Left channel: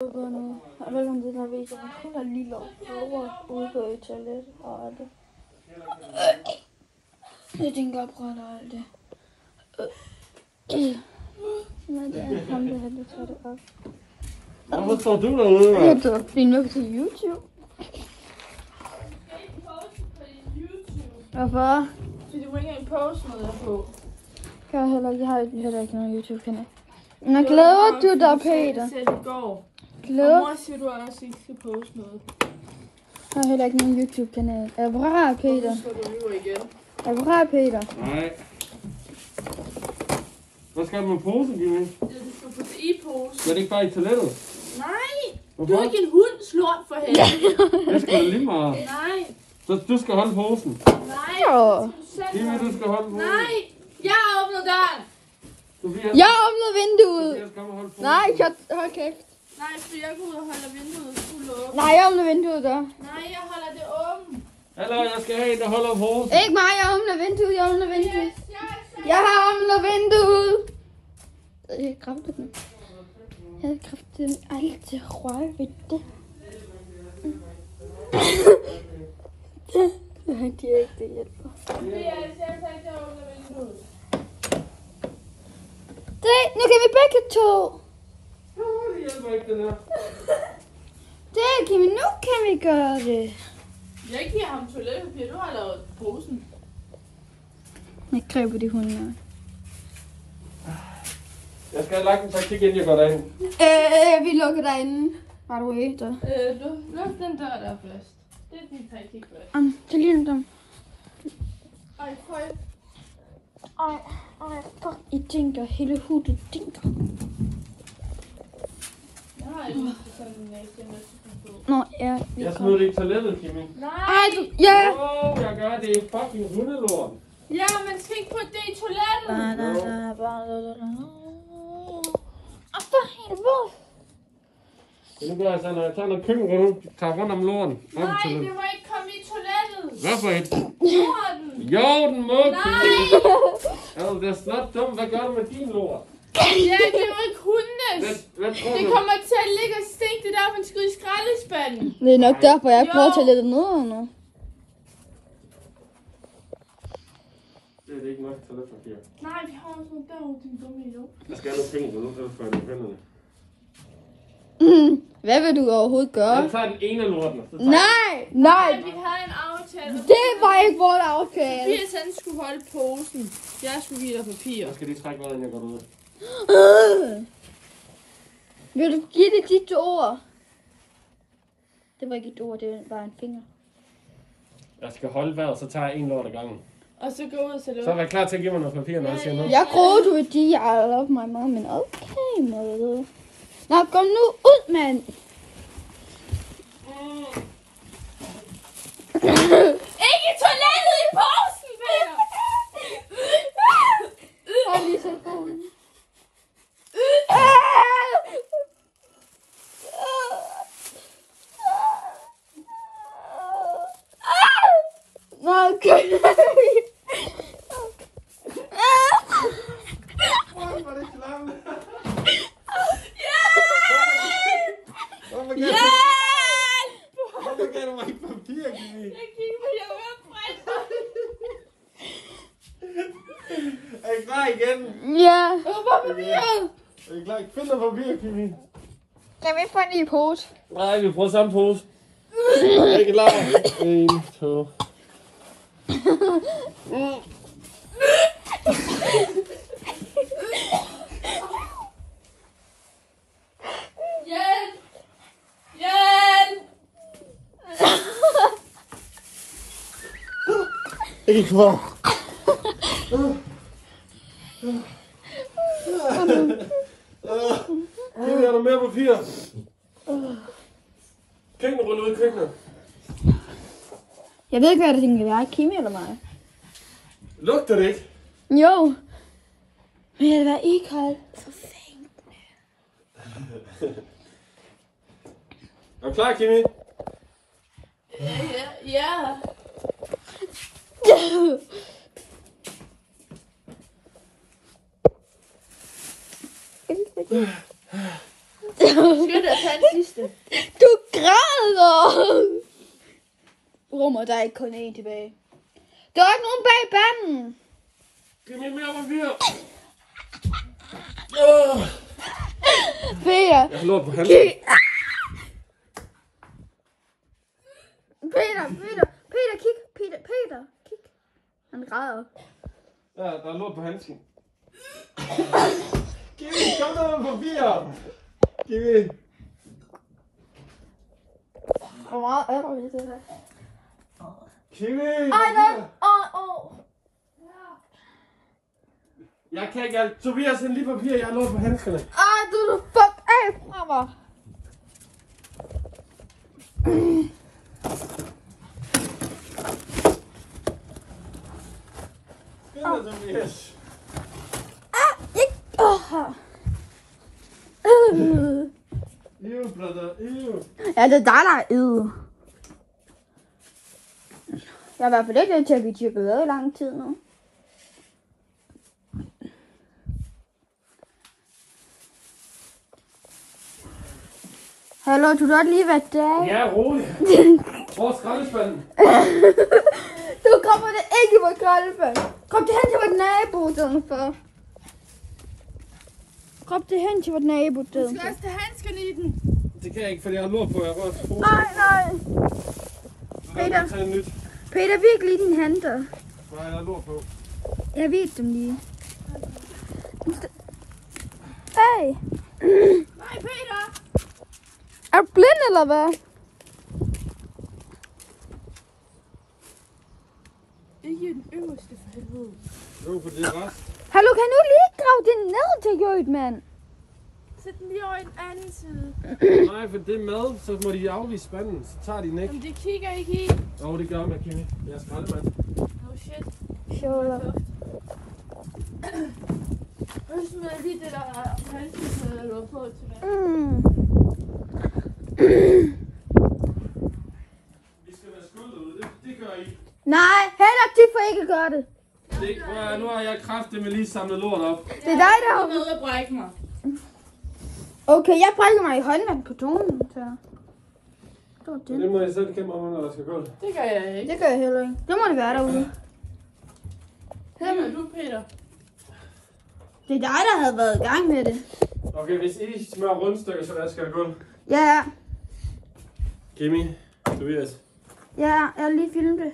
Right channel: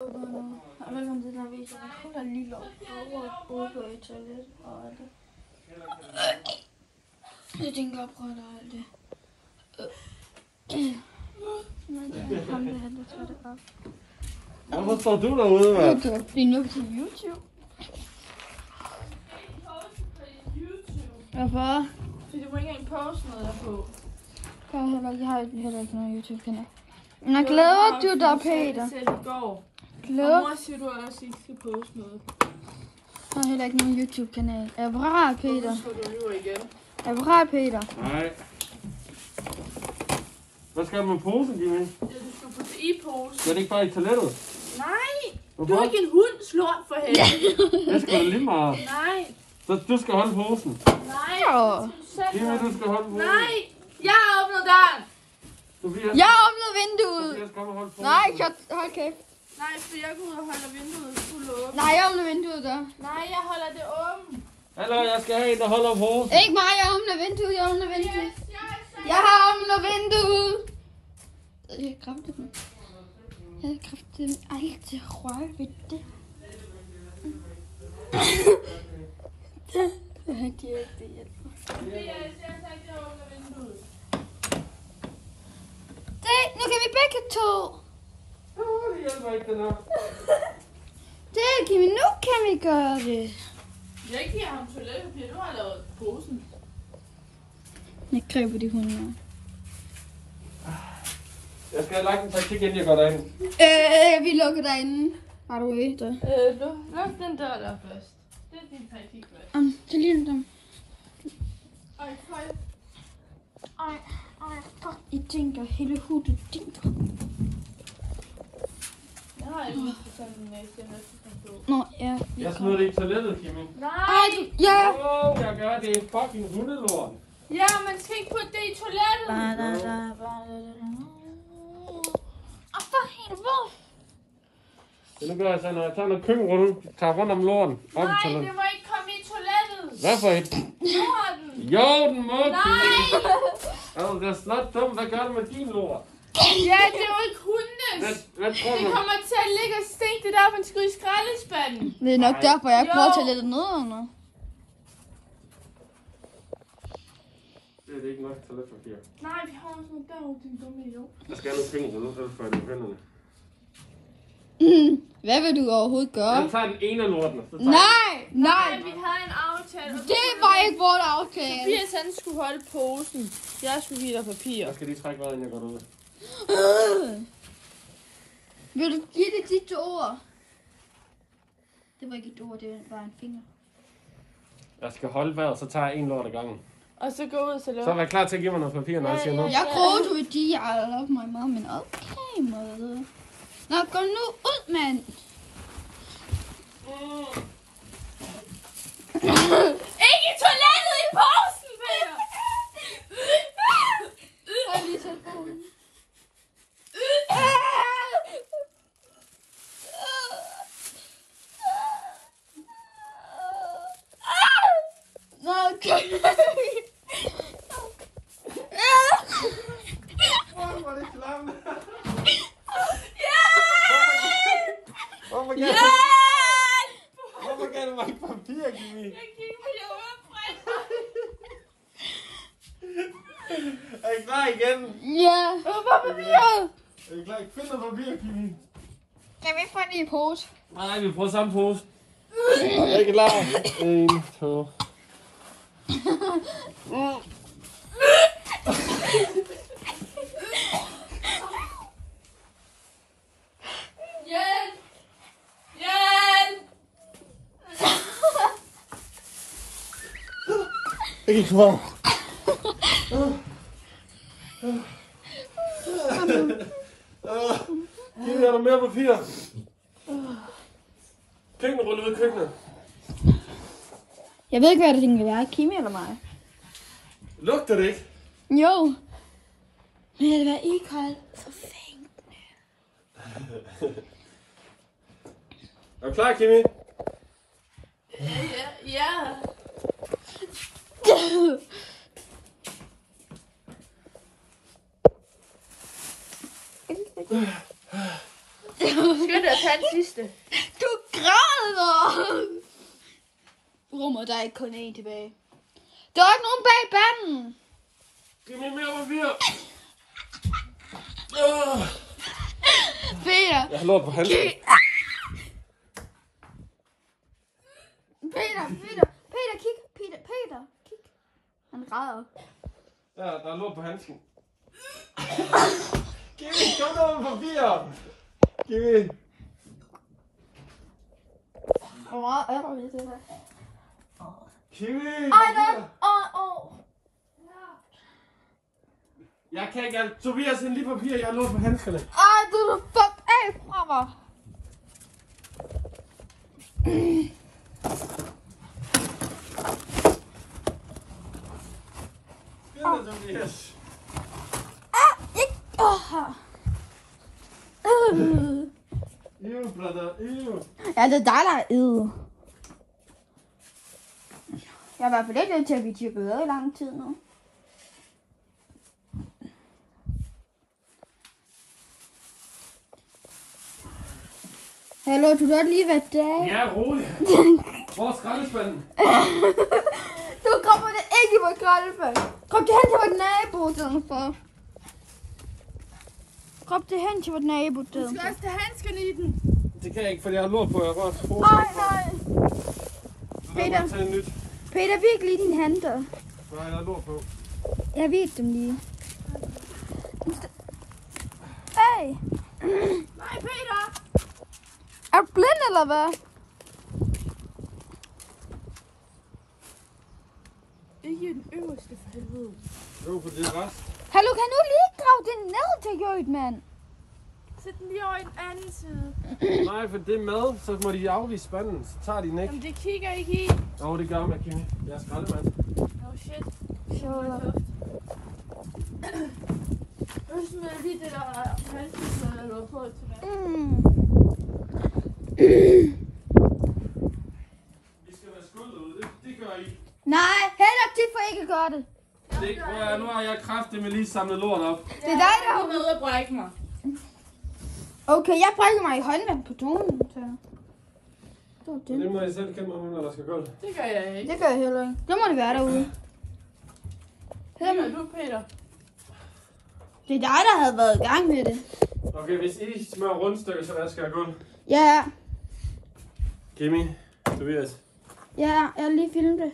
Jeg ved ikke, om den her viser, men hun er lille ude på et toilet og alt det. Jeg tænker at prøve alt det. Men det er ham, der havde taget det op. Hvorfor står du derude, mand? Det var fordi nu på YouTube. Hvorfor? Fordi du må ikke engang poste noget på. Jeg har heller ikke noget YouTube-kanal. Nå, glæder du dig, Peter? Jeg selv i går. Glæder? Og mor siger, du også ikke skal poste noget. Jeg har heller ikke nogen YouTube-kanal. Er du parat, Peter? Så du lyver igen. Er du parat, Peter? Nej. Hvad skal du med posen, Jimmy? Ja, du skal putte i pose. Skal det ikke bare i toilettet? Nej! Hvorfor? Du er ikke en hund, slort for helvede. Det skal da lige meget. Nej. Så du skal holde posen. Nej. Jo. Jimmy, du skal holde posen. Nej. Jeg åbner døren. Sofia, Jeg åbner vinduet. Sofia skal holde posen. Nej, hold kæft. Nej, så jeg går ud og holder vinduet fuldt åbent. Nej, jeg åbner vinduet der. Nej, jeg holder det åbent. Hallo, jeg skal have en, der holder posen. Ikke mig, jeg åbner vinduet, jeg åbner vinduet. Yes, Jeg har åbnet vinduet. Jeg kræfter den. Jeg kræfter den altid røre ved det. Det er ikke det hjælper. Det, nu kan vi begge to. Det hjælper ikke, den her. Det kan vi, nu kan vi gøre det. Jeg giver ham toiletpapir, du har lavet posen. Jeg griber de hunde. Jeg skal have lagt en taktik, inden jeg går derind. Vi lukker derinde. Var du efter? Luk den dør der først. Det er din taktik først. Det ligner dem. Ej, høj. Fuck, I tænker, hele hudet dinker. Jeg har ikke sådan en næse, jeg skal på. Nå, ja. Jeg smider det i toilettet, Jimmy. Nej! Ja! Wow, jeg gør det. Fucking hundelort. Ja, man skal ikke putte det i toilettet. For helvede! Så nu gør jeg sådan, når jeg tager noget køkkenrulle, tager rundt om låren. Nej, det må ikke komme i toilettet. Hvad for et? Jorden. Jo, den må. Nej! Altså, det er snart dumt. Hvad gør du med din lort? Ja, det er jo ikke hundes. Hvad tror Det du? kommer til at ligge og stinke. Det er derfor, man skal ud i skraldespanden. Det er nok derfor, jeg Jo. prøver til at lette ned under. Det er det ikke nok toiletpapir. Nej, vi har også noget derude, din dumme idiot. Jeg skal have noget køkkenrulle, så får jeg det i hænderne. Hvad vil du overhovedet gøre? Jeg tager den ene af lorten. Så tager Nej! Nej, vi havde en aftale. og Det var ikke vores aftale. Tobias han skulle holde posen. Jeg skulle give dig papir. jeg skal lige trække vejret, inden jeg går ud. Vil du give det dit ord? Det var ikke et ord, det var en finger. Jeg skal holde vejret, så tager jeg en lort ad gangen. Og så gå ud til det. Så vær klar til at give mig noget papir, når jeg siger noget. Jeg troede, du ville sige, at jeg love my mom, men okay, mad. Nå, kom nu ud, mand. Ikke i toilettet, i posen, Peter! Nå, okay. Hvor er det klamt? Hjælp! Hvorfor gav du mig ikke papir, Jimmy? Jeg gik på jer udbrænd. Er I klar igen? Ja. Er I klar? Find noget papir, Jimmy. Kan vi få en ny pose? Nej, vi prøver samme pose. Er I klar? 1, 2. Hjælp! Hjælp! Ikke kvar. Jimmy, er der mere papir? Køkkenrulle ud i køkkenet. Jeg ved ikke, hvad det tænker. Jeg er Kimi eller mig. Lugter det ikke? Jo. Men det var ikoldt. For fanden. Er du klar, Kimi? Ja. Skynd dig at tage en sidste. Du græder! Rummer, der er ikke kun én tilbage. Der er ikke nogen bag banden. Giv mig mere papir. Peter. Jeg har lort på handsken. Peter, kig. Peter, kig. Han græder. Ja, der er lort på handsken. Giv mig, kom der med papir. Giv mig. Hvor meget er der ved det her? Kimi! Ej, der. Jeg kan ikke alt. Tobias, en lige papir. Jeg har lort på handskerne. Ej, du fuck af fra mig. Skynd dig, Tobias. Ew, brother. Ew. Ja, det er dig, der er ide. Jeg har i hvert fald ikke til at blive tyrket i lang tid nu. Hallo, du har lige været der. Ja, rolig. Hvor er skraldespanden? Du kommer det ikke på skraldespand. Kom det hen til vores nabo, den for. Kom det hen til vores nabo, den. Du skal også tage handskerne i den. Det kan jeg ikke, fordi jeg har lort på. Jeg har rørt på. Nej. Peter. Tage en nyt. Peter, virkelig dine hænder. Nej, jeg har lort på. Jeg ved dem lige. Hey. Nej, Peter. Er du blind, eller hvad? Ikke den øverste for helvede. Jo, for det er ret. Hallo, kan du lige grave det ned til Jød, mand? Sæt den lige over i den anden side. Nej, for det er mad, så må de afvise spanden. Så tager de den ikke. Jamen, det kigger ikke i. Jo, det gør man, Kimi. Jeg er skraldemand. Oh shit. Sure. Jeg smider lige det der handskene, der lå på tilbage. Vi skal være skuldet ud. Det gør I. Nej, heller de får ikke gøre det. Nu har jeg kraftigt med lige samlet lort op. Det er dig, der Jeg har... er ved at brække mig. Okay, jeg brækker mig i håndvand på tonen, så... Det var Det det. må jeg selv kæmpe om, når der skal gå. Det gør jeg ikke. Det gør jeg heller ikke. Det må det være derude. Det gør du, Peter. Det er dig, der havde været i gang med det. Okay, hvis I smører rundstykker, så der skal gå. Ja, Kimi, Tobias. ja, jeg har lige filmet det.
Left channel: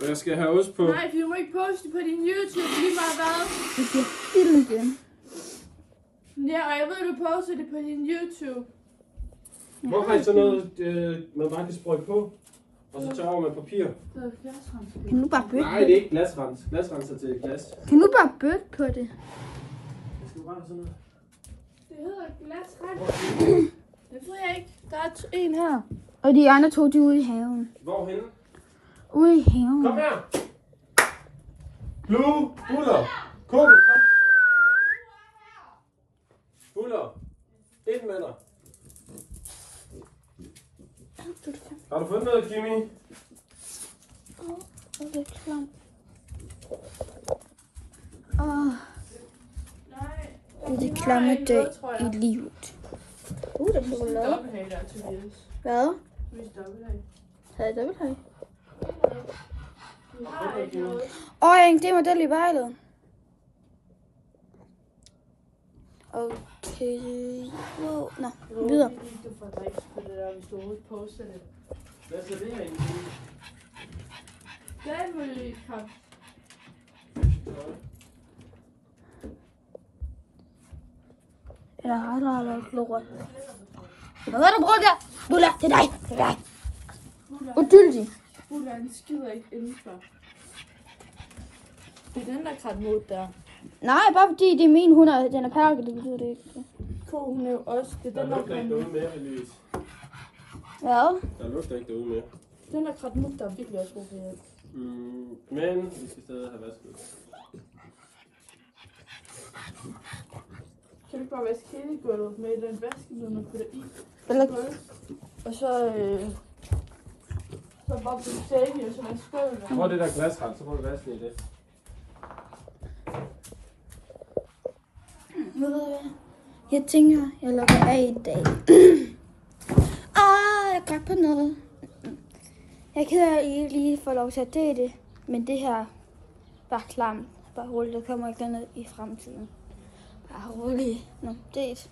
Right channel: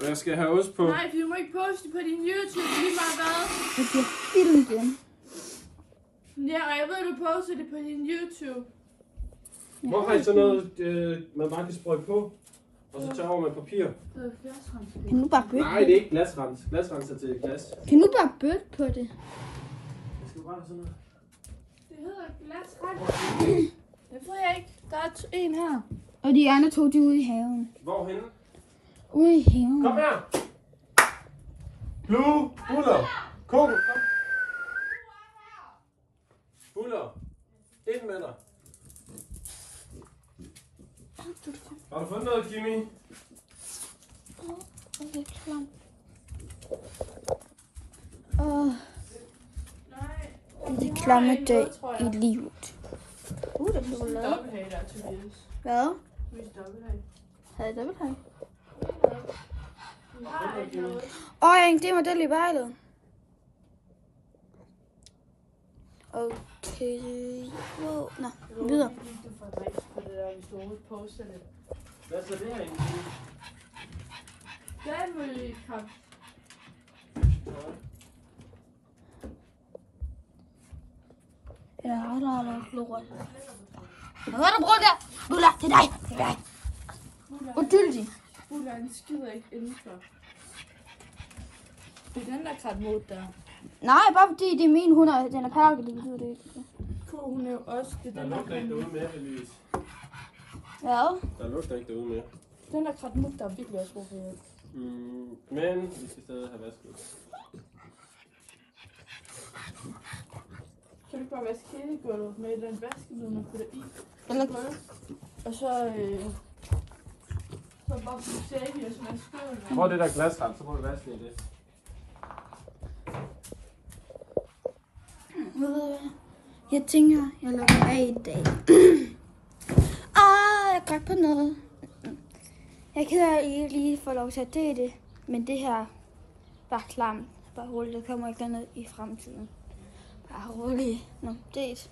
Og jeg skal have ost på. Nej, for du må ikke poste på din YouTube lige meget hvad. Jeg skal filme igen. Ja, og jeg ved, du poster det på din YouTube. Hvor har I så noget, man bare kan sprøjte på? Og så tørre med papir? Det er glasrenser. Kan du bare bøtte Nej, det er ikke glasrens. Glasrens er til glas. Kan du bare bøtte på det? Jeg skal bare have sådan noget. Det hedder glasrenser. Det ved jeg ikke. Der er en her. Og de andre to, de er ude i haven. Hvorhenne? Ude i haven. Kom her! Blue, Buller, Coco, kom. Buller, ind med dig. Har du fundet noget, Kimi? Det er klamt. Nej. Det er det klamme dag i livet. Det er chokolade. Dobbelthag der, Tobias. Hvad? Hvis dobbelthag. Har jeg dobbelt her? Vi har ikke noget. Jeg en model i bejlet. Okay. Wow. Nå, videre. Du får drift på det der, hvis du overhovedet poster det. Hvad er så det her egentlig? Fladmøllekamp. Jeg har aldrig lort. Hvad har du brugt der? Bulla, det er dig. Det er dig. Udyldig. Bulleren skider ikke indenfor. Det er den der krat mod der. Nej, bare fordi det er min hund, og den er pakket, det betyder det ikke. Ko, hun er jo også. Det er Der den der lugter ikke derude mere, Elise. Hvad? Der lugter ikke derude mere. Den der krat mod der er virkelig også brug for hjælp. Men vi skal stadig have vasket. Kan du ikke bare vaske hele gulvet med den vaskemiddel, man putter i? Eller Og så bare putte sække i, og så vaske gulvet. Prøv det der glasrens, så må du vaske i det. ved du hvad? Jeg tænker, jeg lukker af i dag. smagt på noget. Jeg er ked af, at I ikke lige får lov til at dele det, men det her var klamt. Bare roligt, der kommer ikke noget i fremtiden. Bare roligt. Nå, det